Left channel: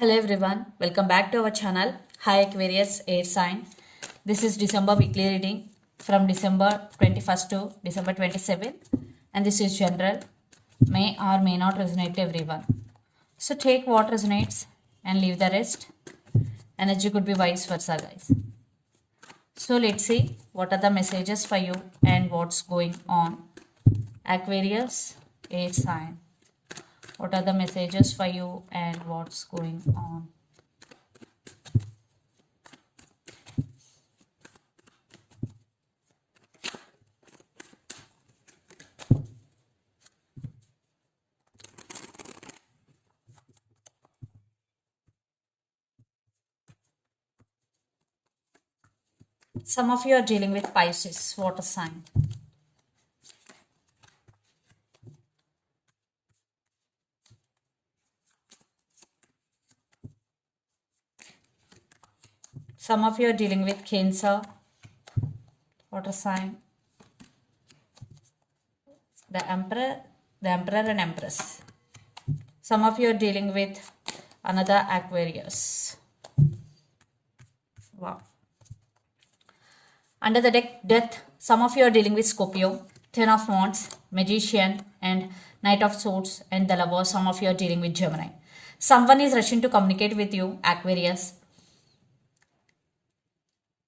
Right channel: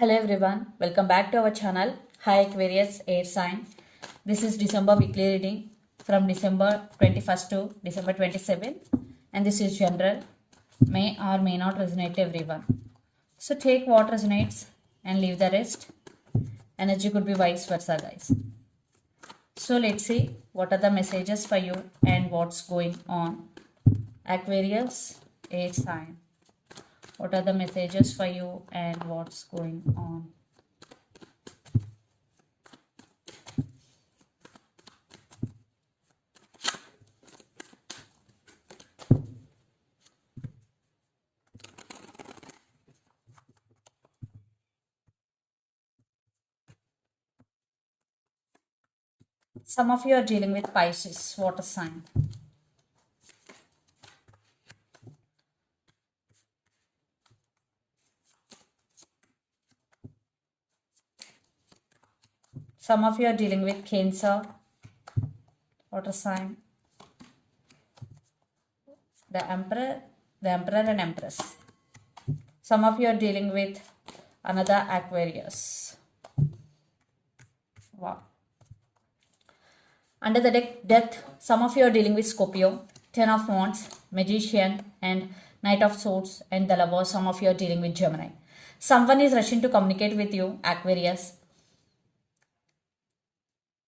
Hello everyone, welcome back to our channel. Hi Aquarius Air Sign. This is December weekly reading from December 21st to December 27th, and this is general. May or may not resonate to everyone. So take what resonates and leave the rest. Energy could be vice versa, guys. So let's see what are the messages for you and what's going on. Aquarius Air Sign. What are the messages for you and what's going on? Some of you are dealing with Pisces, water sign. Some of you are dealing with Cancer, water sign. The Emperor and Empress. Some of you are dealing with another Aquarius. Wow. Under the deck, Death. Some of you are dealing with Scorpio, Ten of Wands, Magician, and Knight of Swords, and the Lover. Some of you are dealing with Gemini. Someone is rushing to communicate with you, Aquarius.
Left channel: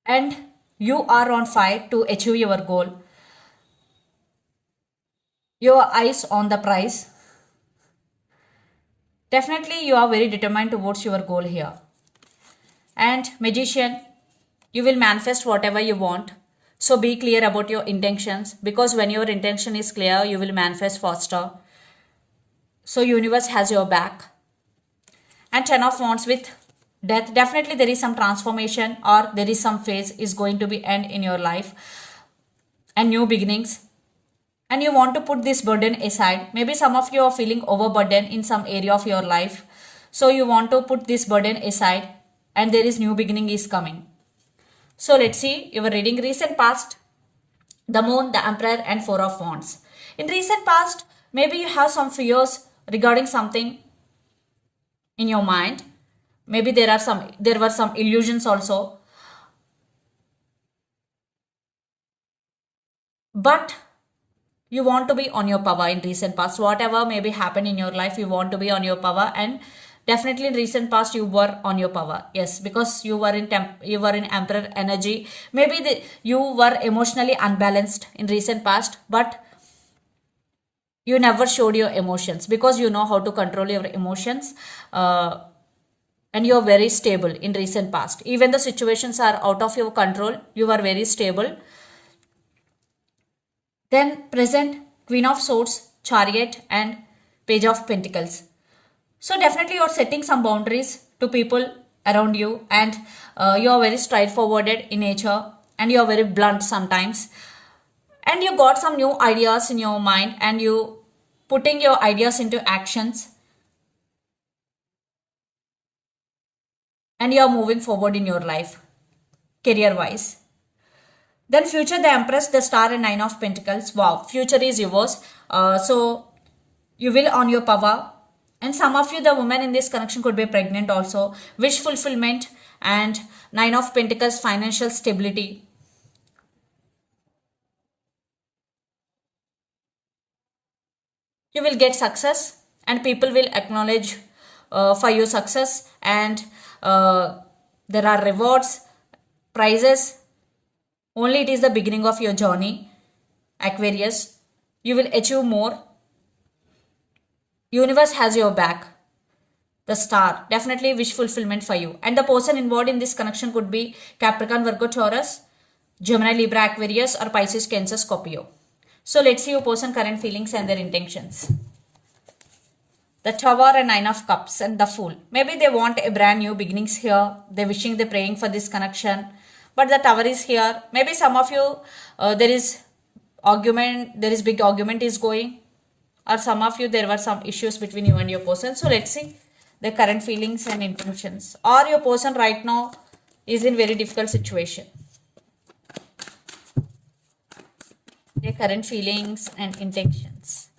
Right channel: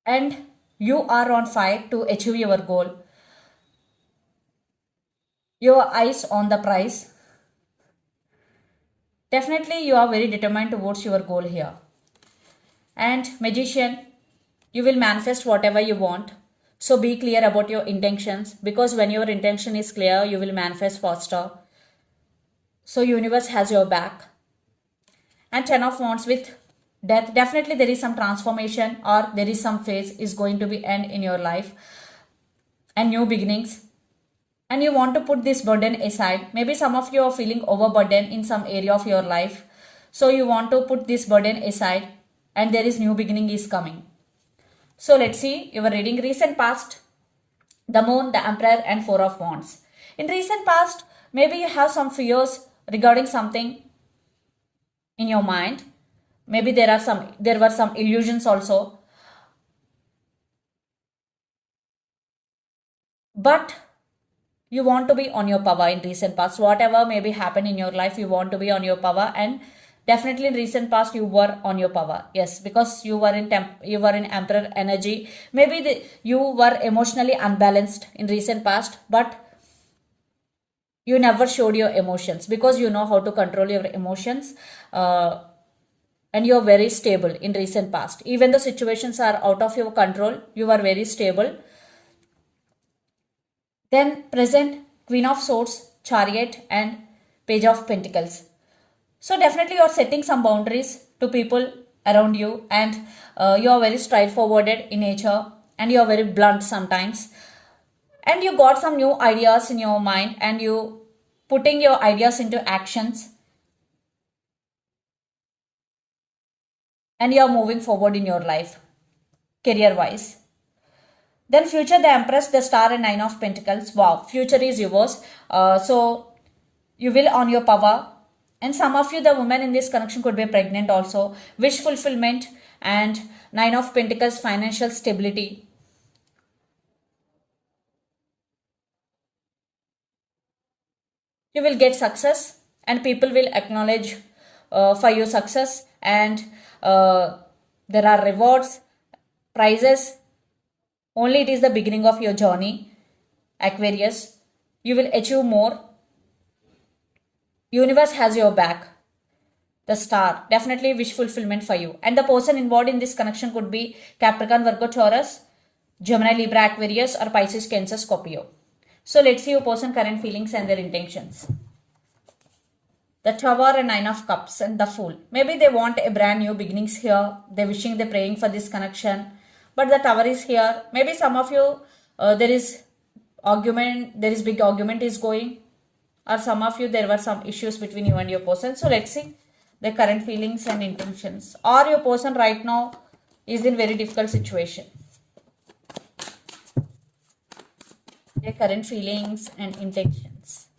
And you are on fire to achieve your goal. Your eyes on the prize. Definitely you are very determined towards your goal here. And Magician, you will manifest whatever you want. So be clear about your intentions, because when your intention is clear, you will manifest faster. So universe has your back. And Ten of Wands with Death. Definitely there is some transformation or there is some phase is going to be end in your life and new beginnings. And you want to put this burden aside. Maybe some of you are feeling overburdened in some area of your life. So you want to put this burden aside and there is new beginning is coming. So let's see your reading. Recent past, the Moon, the Emperor, and Four of Wands. In recent past, maybe you have some fears regarding something in your mind. Maybe there were some illusions also. But you want to be on your power in recent past. Whatever maybe happened in your life, you want to be on your power, and definitely in recent past you were on your power. Yes, because you were in Emperor energy. Maybe you were emotionally unbalanced in recent past, but you never showed your emotions because you know how to control your emotions. And you're very stable in recent past. Even the situations are out of your control, you are very stable. Then present, Queen of Swords, Chariot, and Page of Pentacles. So definitely you're setting some boundaries to people around you, and you are very straightforward in nature, and you are very blunt sometimes. And you got some new ideas in your mind, and you putting your ideas into actions, and you are moving forward in your life, career wise. Then future, the Empress, the Star, and Nine of Pentacles. Wow, future is yours. So you will on your power. And some of you, the woman in this connection could be pregnant also. Wish fulfillment and Nine of Pentacles, financial stability. You will get success and people will acknowledge for your success, and there are rewards, prizes. Only it is the beginning of your journey, Aquarius. You will achieve more. Universe has your back. The Star, definitely wish fulfillment for you. And the person involved in this connection could be Capricorn, Virgo, Taurus, Gemini, Libra, Aquarius, or Pisces, Cancer, Scorpio. So let's see your person current feelings and their intentions. The Tower and Nine of Cups and the Fool. Maybe they want a brand new beginnings here. They're wishing, they're praying for this connection. But the Tower is here. Maybe some of you, there is big argument is going. Or some of you, there were some issues between you and your person. So let's see the current feelings and intentions. Or your person right now is in very difficult situation. Their current feelings and intentions.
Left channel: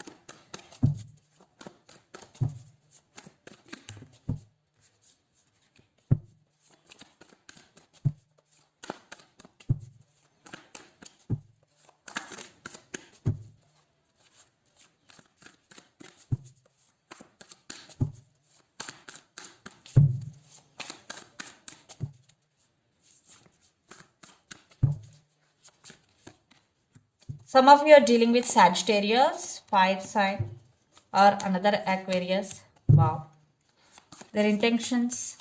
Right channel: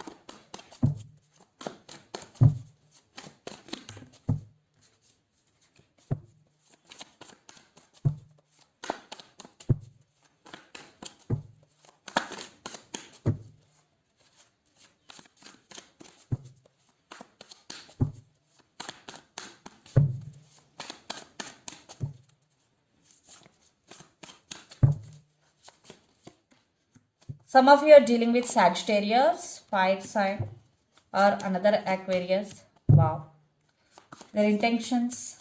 Some of you are dealing with Sagittarius, fire sign, or another Aquarius. Wow. Their intentions.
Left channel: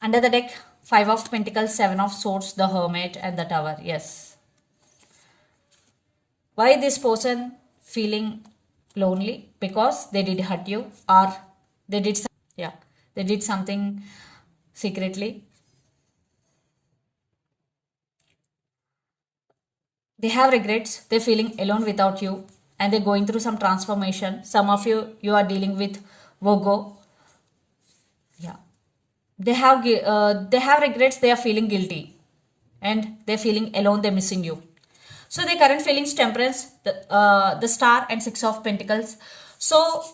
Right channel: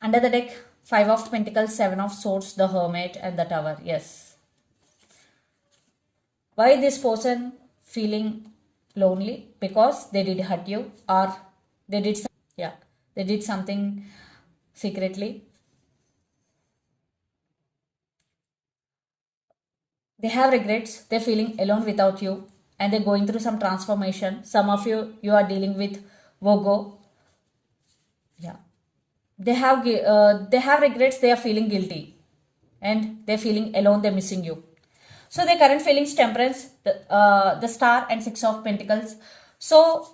Under the deck, 5 of Pentacles, 7 of Swords, the Hermit, and the Tower. Yes. Why this person feeling lonely? Because they did hurt you, or they did they did something secretly. They have regrets. They're feeling alone without you, and they're going through some transformation. Some of you are dealing with Virgo. Yeah, they have regrets. They are feeling guilty, and they're feeling alone. They're missing you. So their current feelings, Temperance, the Star, and 6 of Pentacles. So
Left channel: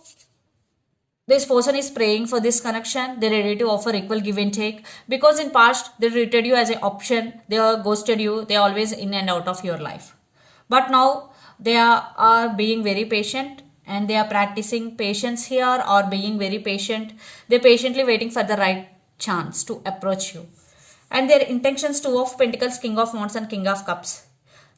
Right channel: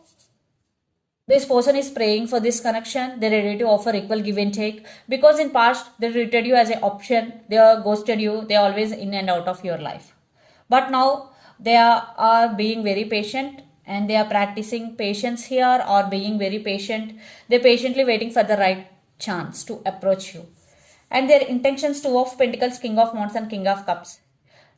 this person is praying for this connection. They're ready to offer equal give and take, because in past they treated you as an option. They are ghosted you. They are always in and out of your life. But now they are being very patient, and they are practicing patience here, or being very patient. They're patiently waiting for the right chance to approach you. And their intentions, 2 of Pentacles, King of Wands, and King of Cups.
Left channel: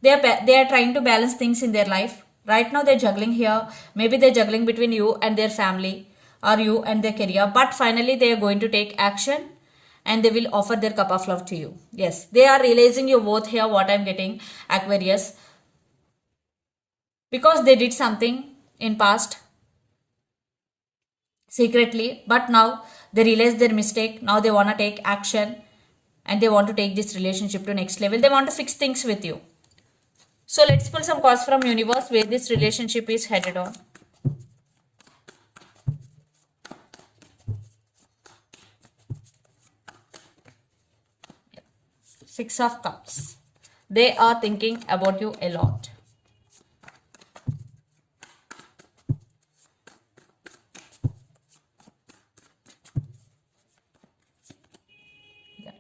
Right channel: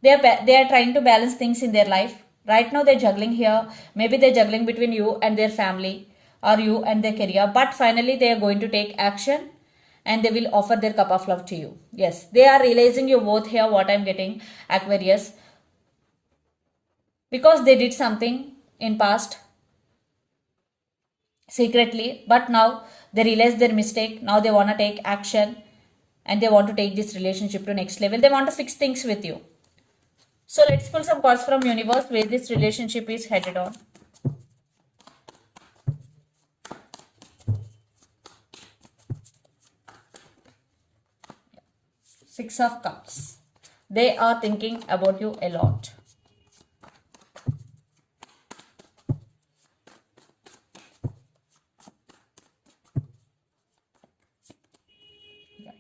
They are trying to balance things in their life. Right now they're juggling here. Maybe they're juggling between you and their family, or you and their career. But finally they are going to take action, and they will offer their cup of love to you. Yes, they are realizing your worth here, what I'm getting, Aquarius. Because they did something in past secretly, but now they realize their mistake. Now they want to take action, and they want to take this relationship to next level. They want to fix things with you. So let's pull some cards from universe where this relationship is headed on. Six of Cups. They are thinking about you a lot.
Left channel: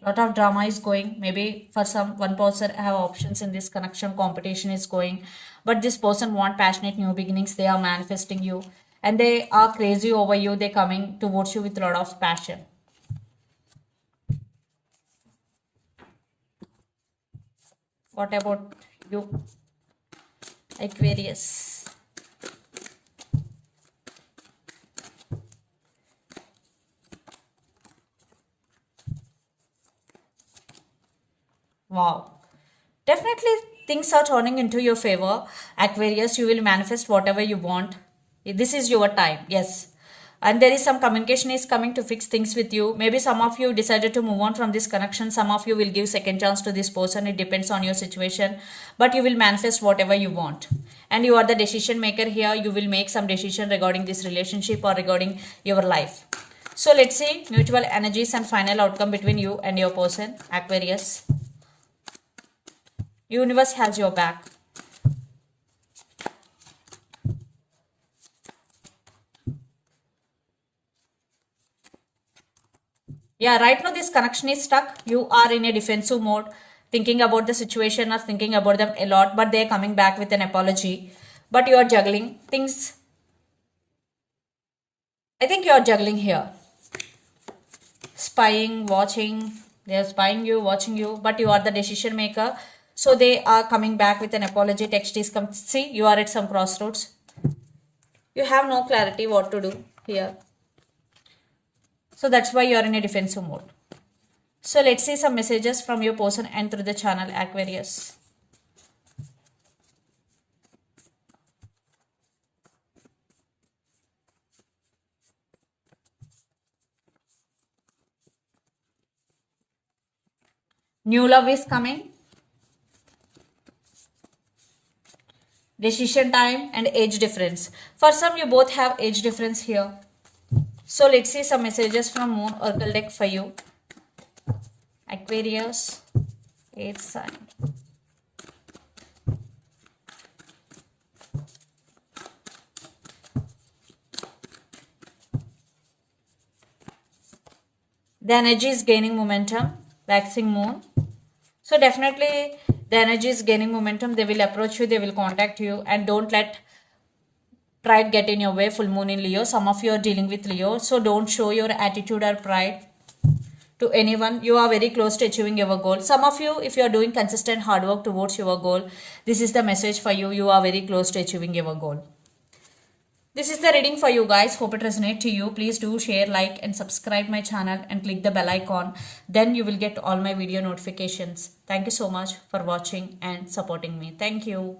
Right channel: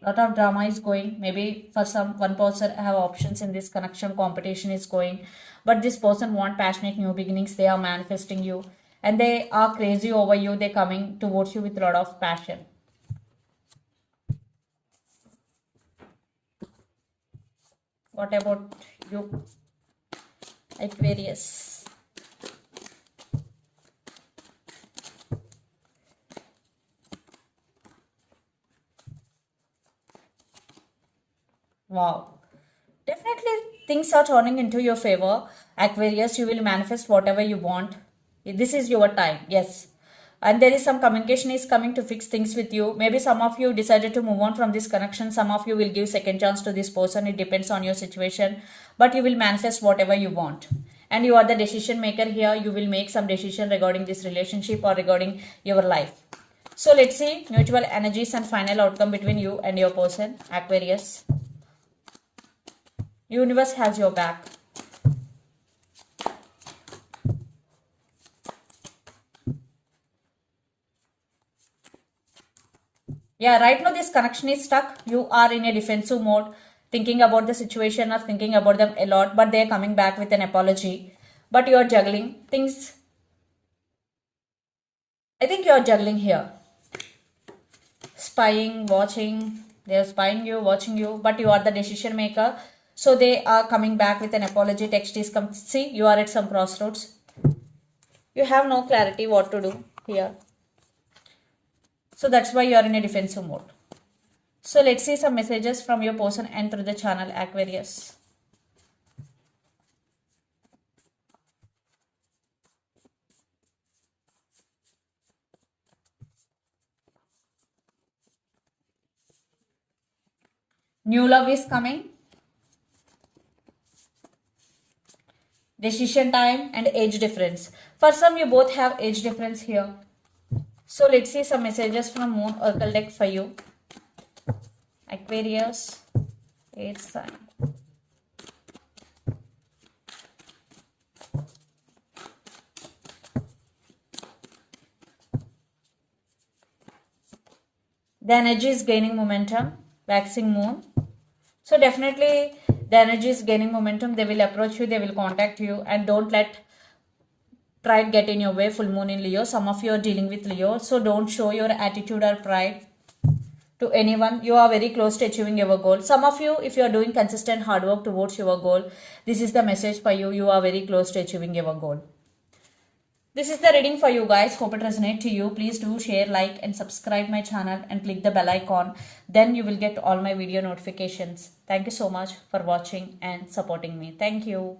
Lot of drama is going. Maybe for one person have options in this connection. Competition is going, but this person want passionate new beginnings. They are manifesting you, and they are crazy over you. They coming towards you with a lot of passion. What about you, Aquarius? Wow. Definitely things are turning into your favor. Aquarius, you will manifest whatever you want. This is your time. Yes. And there is some communication is coming to fix things with you. Maybe some of you decided to move on from this connection. Some of you will give second chance to this person. It depends on your situation. But you will manifest whatever you want. And you are the decision maker here. You will make some decision regarding this relationship or regarding your life. So let's see mutual energies and final outcome between you and your person, Aquarius. Universe has your back. Yeah, right now this connection is stuck. You are in a defensive mode, thinking about the situation or thinking about them a lot, but they are coming back with an apology. But you are juggling things. I think you are juggling here. Spying, watching. They are spying you, watching you, but you are the decision maker. So they are coming back with an apology. Text is come. See, you are at some crossroads. You have no clarity what to do here. So that's why you are in a defensive mode. So let's see some messages from your person and through the channel, Aquarius. New love is coming. Decision time and age difference. For some, you both have age difference here. So let's see some messages from Moon Oracle deck for you, Aquarius, 8th sign. The energy is gaining momentum, waxing moon. So definitely the energy is gaining momentum. They will approach you, they will contact you, and don't let pride get in your way. Full moon in Leo. Some of you are dealing with Leo, so don't show your attitude or pride. to anyone. You are very close to achieving your goal. Some of you, if you are doing consistent hard work towards your goal, this is the message for you. You are very close to achieving your goal. This is the reading for you guys. Hope it resonates to you. Please do share, like and subscribe my channel and click the bell icon. Then you will get all my video notifications. Thank you so much for watching and supporting me. Thank you.